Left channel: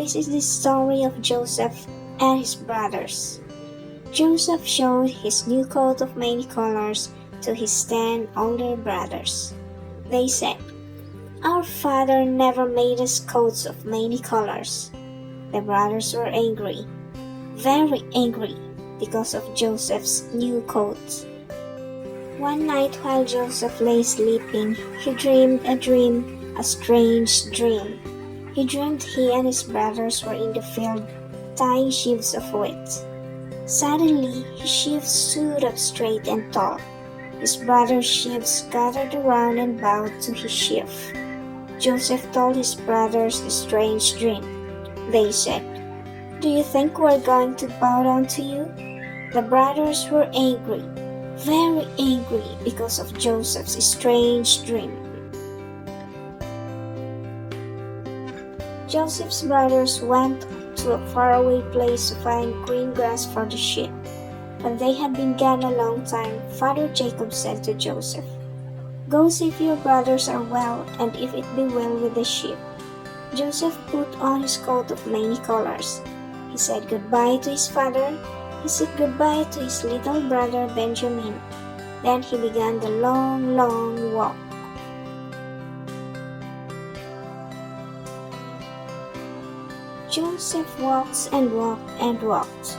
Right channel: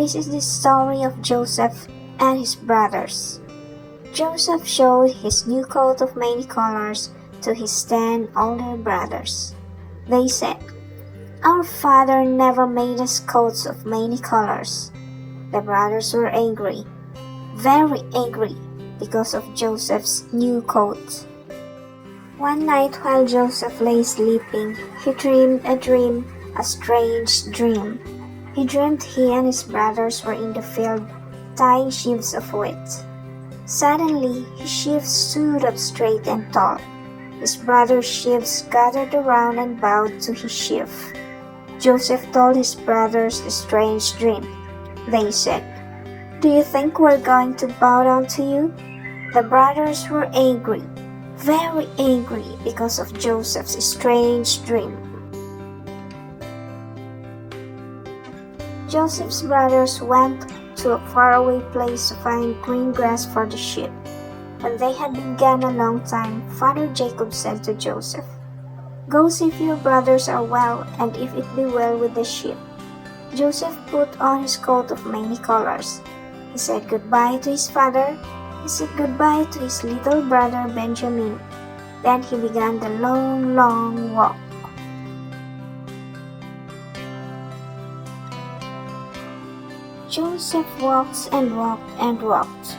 This is the story of Joseph and his brothers. Joseph showed his new coat of many colors to his 10 older brothers. They said, "Our father never made us coats of many colors." The brothers were angry, very angry, because of Joseph's new coat. One night while Joseph lay sleeping, he dreamed a dream, a strange dream. He dreamed he and his brothers were in the field tying sheaves of wheat. Suddenly, his sheaves stood up straight and tall. His brothers' sheaves gathered around and bowed to his sheaf. Joseph told his brothers the strange dream. They said, "Do you think we're going to bow down to you?" The brothers were angry, very angry, because of Joseph's strange dream. Joseph's brothers went to a faraway place to find green grass for the sheep. When they had been gone a long time, Father Jacob said to Joseph, "Go see if your brothers are well, and if it be well with the sheep." Joseph put on his coat of many colors. He said goodbye to his father. He said goodbye to his little brother Benjamin. Then he began the long, long walk. Joseph walked and walked and walked.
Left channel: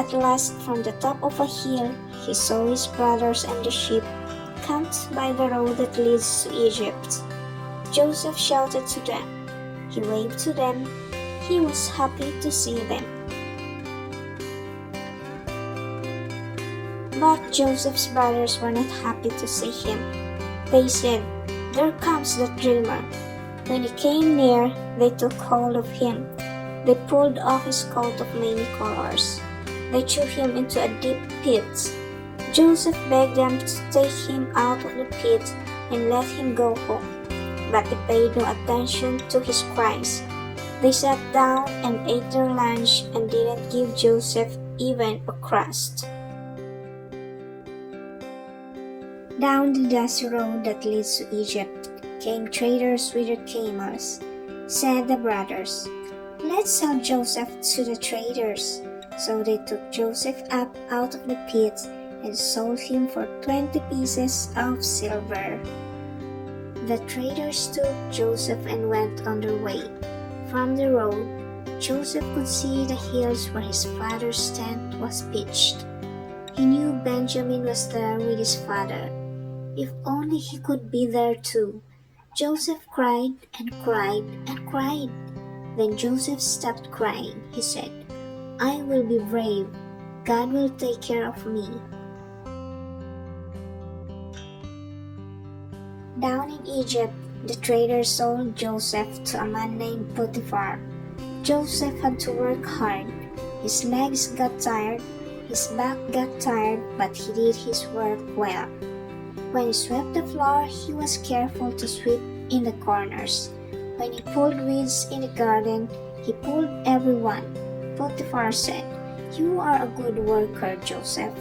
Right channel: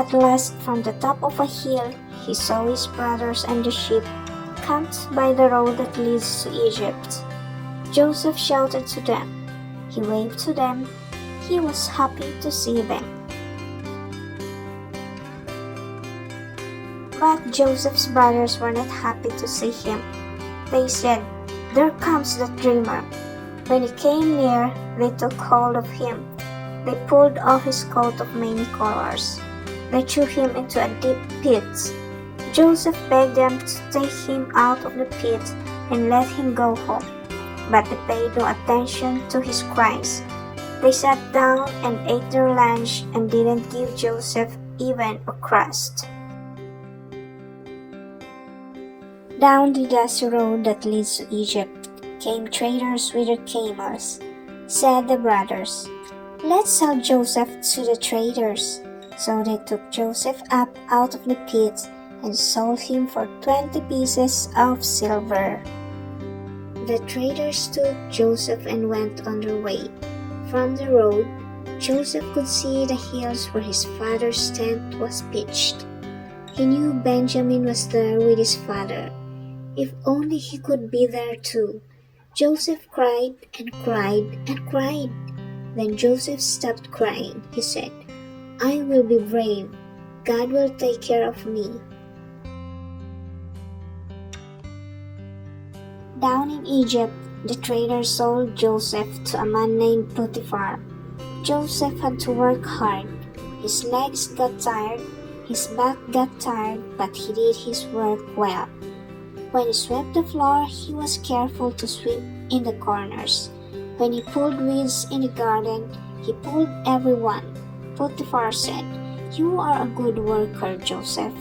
At last, from the top of a hill, he saw his brothers and the sheep camped by the road that leads to Egypt. Joseph shouted to them. He waved to them. He was happy to see them. But Joseph's brothers were not happy to see him. They said, "There comes the dreamer." When he came near, they took hold of him. They pulled off his coat of many colors. They threw him into a deep pit. Joseph begged them to take him out of the pit and let him go home. But they paid no attention to his cries. They sat down and ate their lunch and didn't give Joseph even a crust. Down the dusty road that leads to Egypt came traders with their camels. Said the brothers, "Let's sell Joseph to the traders." So they took Joseph up out of the pit and sold him for 20 pieces of silver. The traders took Joseph and went on their way. From the road, Joseph could see the hills where his father's tent was pitched. He knew Benjamin was there with his father. If only he could be there too. Joseph cried and cried and cried. Then Joseph stopped crying. He said, "I will be brave. God will take care of me." Down in Egypt, the traders sold Joseph to a man named Potiphar. Joseph had to work hard. His legs got tired, his back got tired, but he did his work well. When he swept the floor, he was careful to sweep in the corners. When he pulled weeds in the garden, he pulled everyone. Potiphar said, "You are a good worker, Joseph."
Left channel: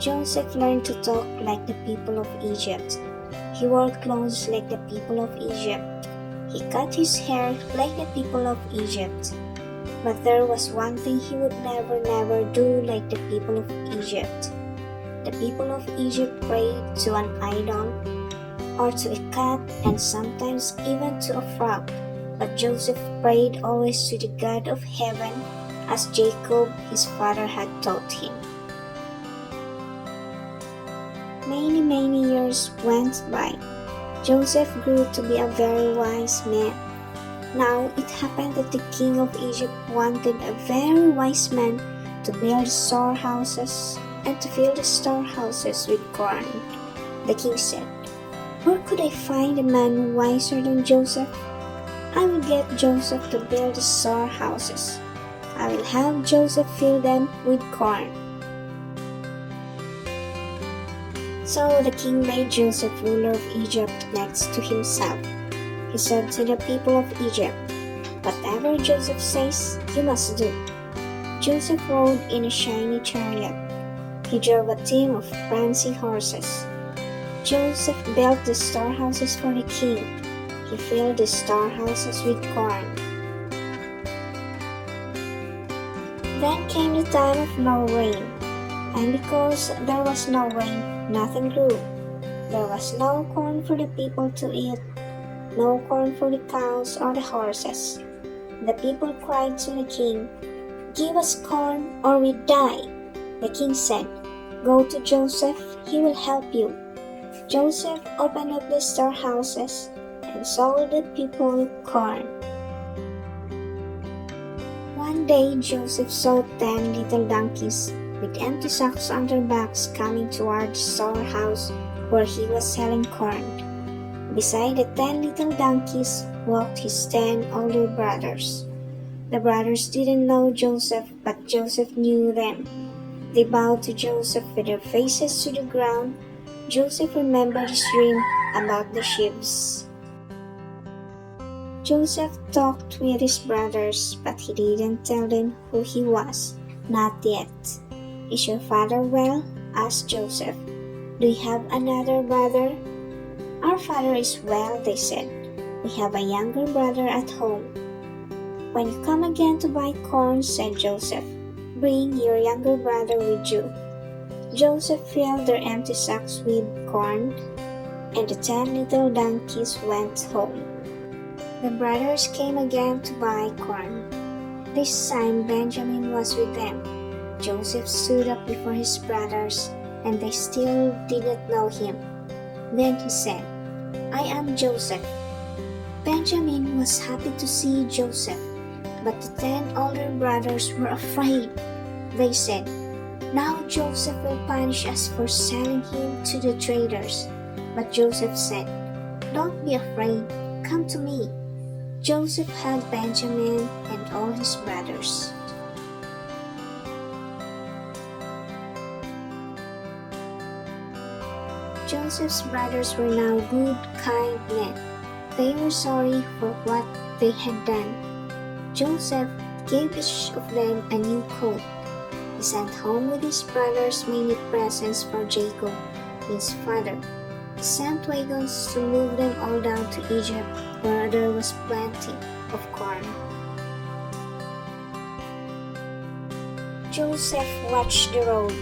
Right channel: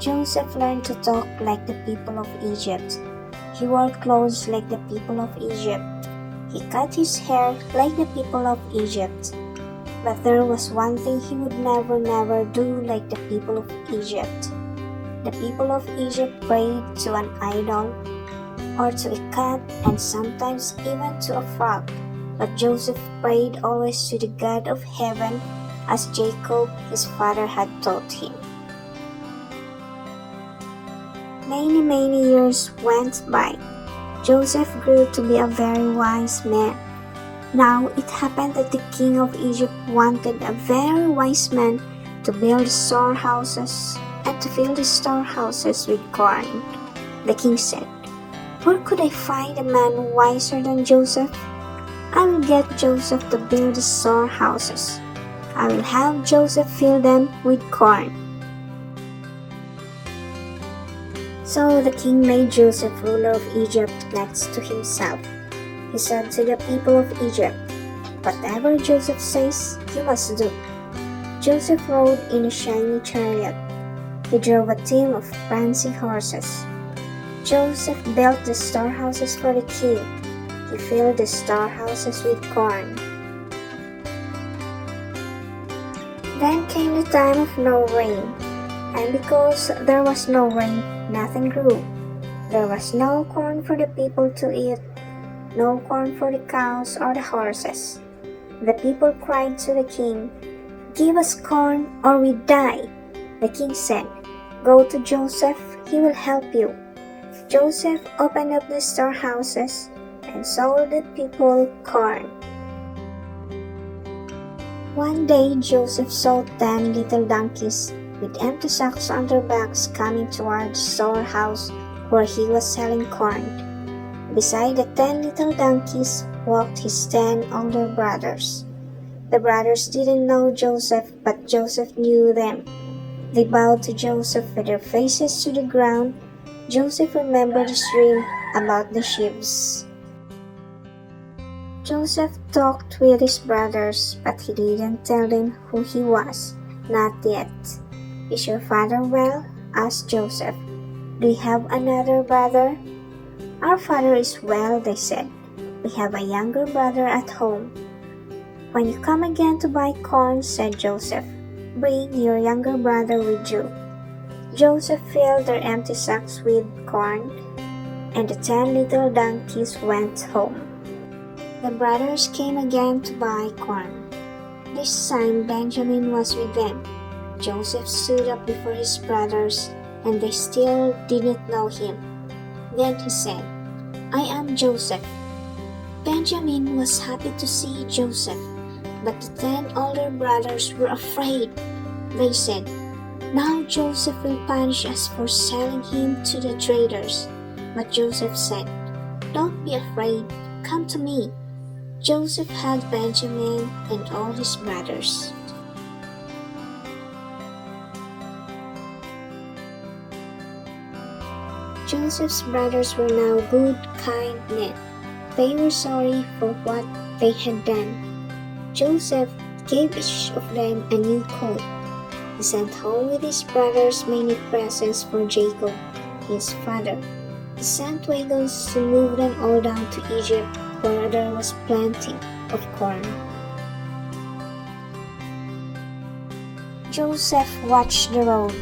Joseph learned to talk like the people of Egypt. He wore clothes like the people of Egypt. He cut his hair like the people of Egypt. But there was one thing he would never do like the people of Egypt. The people of Egypt prayed to an idol, or to a cat, and sometimes even to a frog. But Joseph prayed always to the God of heaven, as Jacob, his father, had taught him. Many years went by. Joseph grew to be a very wise man. Now it happened that the king of Egypt wanted a very wise man to build storehouses and to fill the storehouses with corn. The king said, "Where could I find a man wiser than Joseph? I will get Joseph to build the storehouses. I will have Joseph fill them with corn." So the king made Joseph ruler of Egypt next to himself. He said to the people of Egypt, "Whatever Joseph says, you must do." Joseph rode in a shiny chariot. He drove a team of prancing horses. Joseph built the storehouses for the king. He filled the storehouses with corn. Then came the time of no rain, and because there was no rain, nothing grew. There was no corn for the people to eat, no corn for the cows or the horses. The people cried to the king, "Give us corn or we die." The king said, "Go to Joseph, he will help you." Joseph opened up the storehouses and sold the people corn. One day Joseph saw 10 little donkeys with empty sacks on their backs coming toward the storehouse where he was selling corn. Beside the 10 little donkeys walked his 10 older brothers. The brothers didn't know Joseph, but Joseph knew them. They bowed to Joseph with their faces to the ground. Joseph remembered his dream about the sheep. Joseph talked with his brothers, but he didn't tell them who he was. Not yet. "Is your father well?" asked Joseph. "Do you have another brother?" "Our father is well," they said. "We have a younger brother at home." "When you come again to buy corn," said Joseph, "bring your younger brother with you." Joseph filled their empty sacks with corn, and the 10 little donkeys went home. The brothers came again to buy corn. This time Benjamin was with them. Joseph stood up before his brothers, and they still didn't know him. Then he said, "I am Joseph." Benjamin was happy to see Joseph, but the 10 older brothers were afraid. They said, "Now Joseph will punish us for selling him to the traders." But Joseph said, "Don't be afraid, come to me." Joseph hugged Benjamin and all his brothers. Joseph's brothers were now good, kind men. They were sorry for what they had done. Joseph gave each of them a new coat. He sent home with his brothers many presents for Jacob, his father. He sent wagons to move them all down to Egypt, where there was plenty of corn. Joseph watched the road,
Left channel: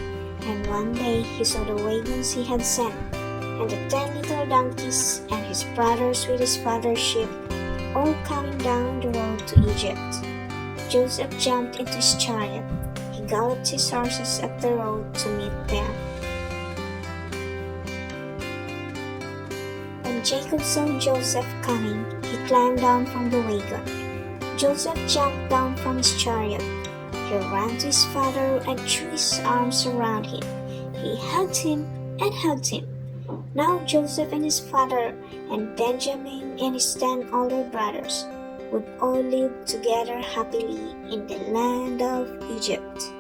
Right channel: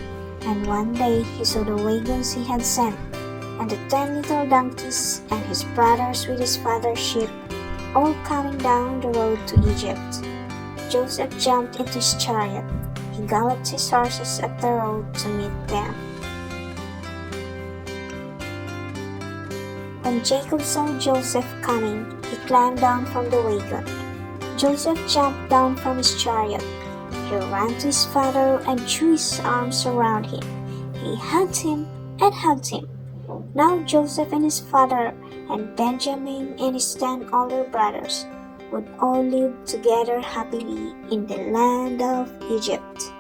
and one day he saw the wagons he had sent, and the 10 little donkeys and his brothers with his father's sheep, all coming down the road to Egypt. Joseph jumped into his chariot. He galloped his horses up the road to meet them. When Jacob saw Joseph coming, he climbed down from the wagon. Joseph jumped down from his chariot. He ran to his father and threw his arms around him. He hugged him and hugged him. Now Joseph and his father and Benjamin and his 10 older brothers would all live together happily in the land of Egypt.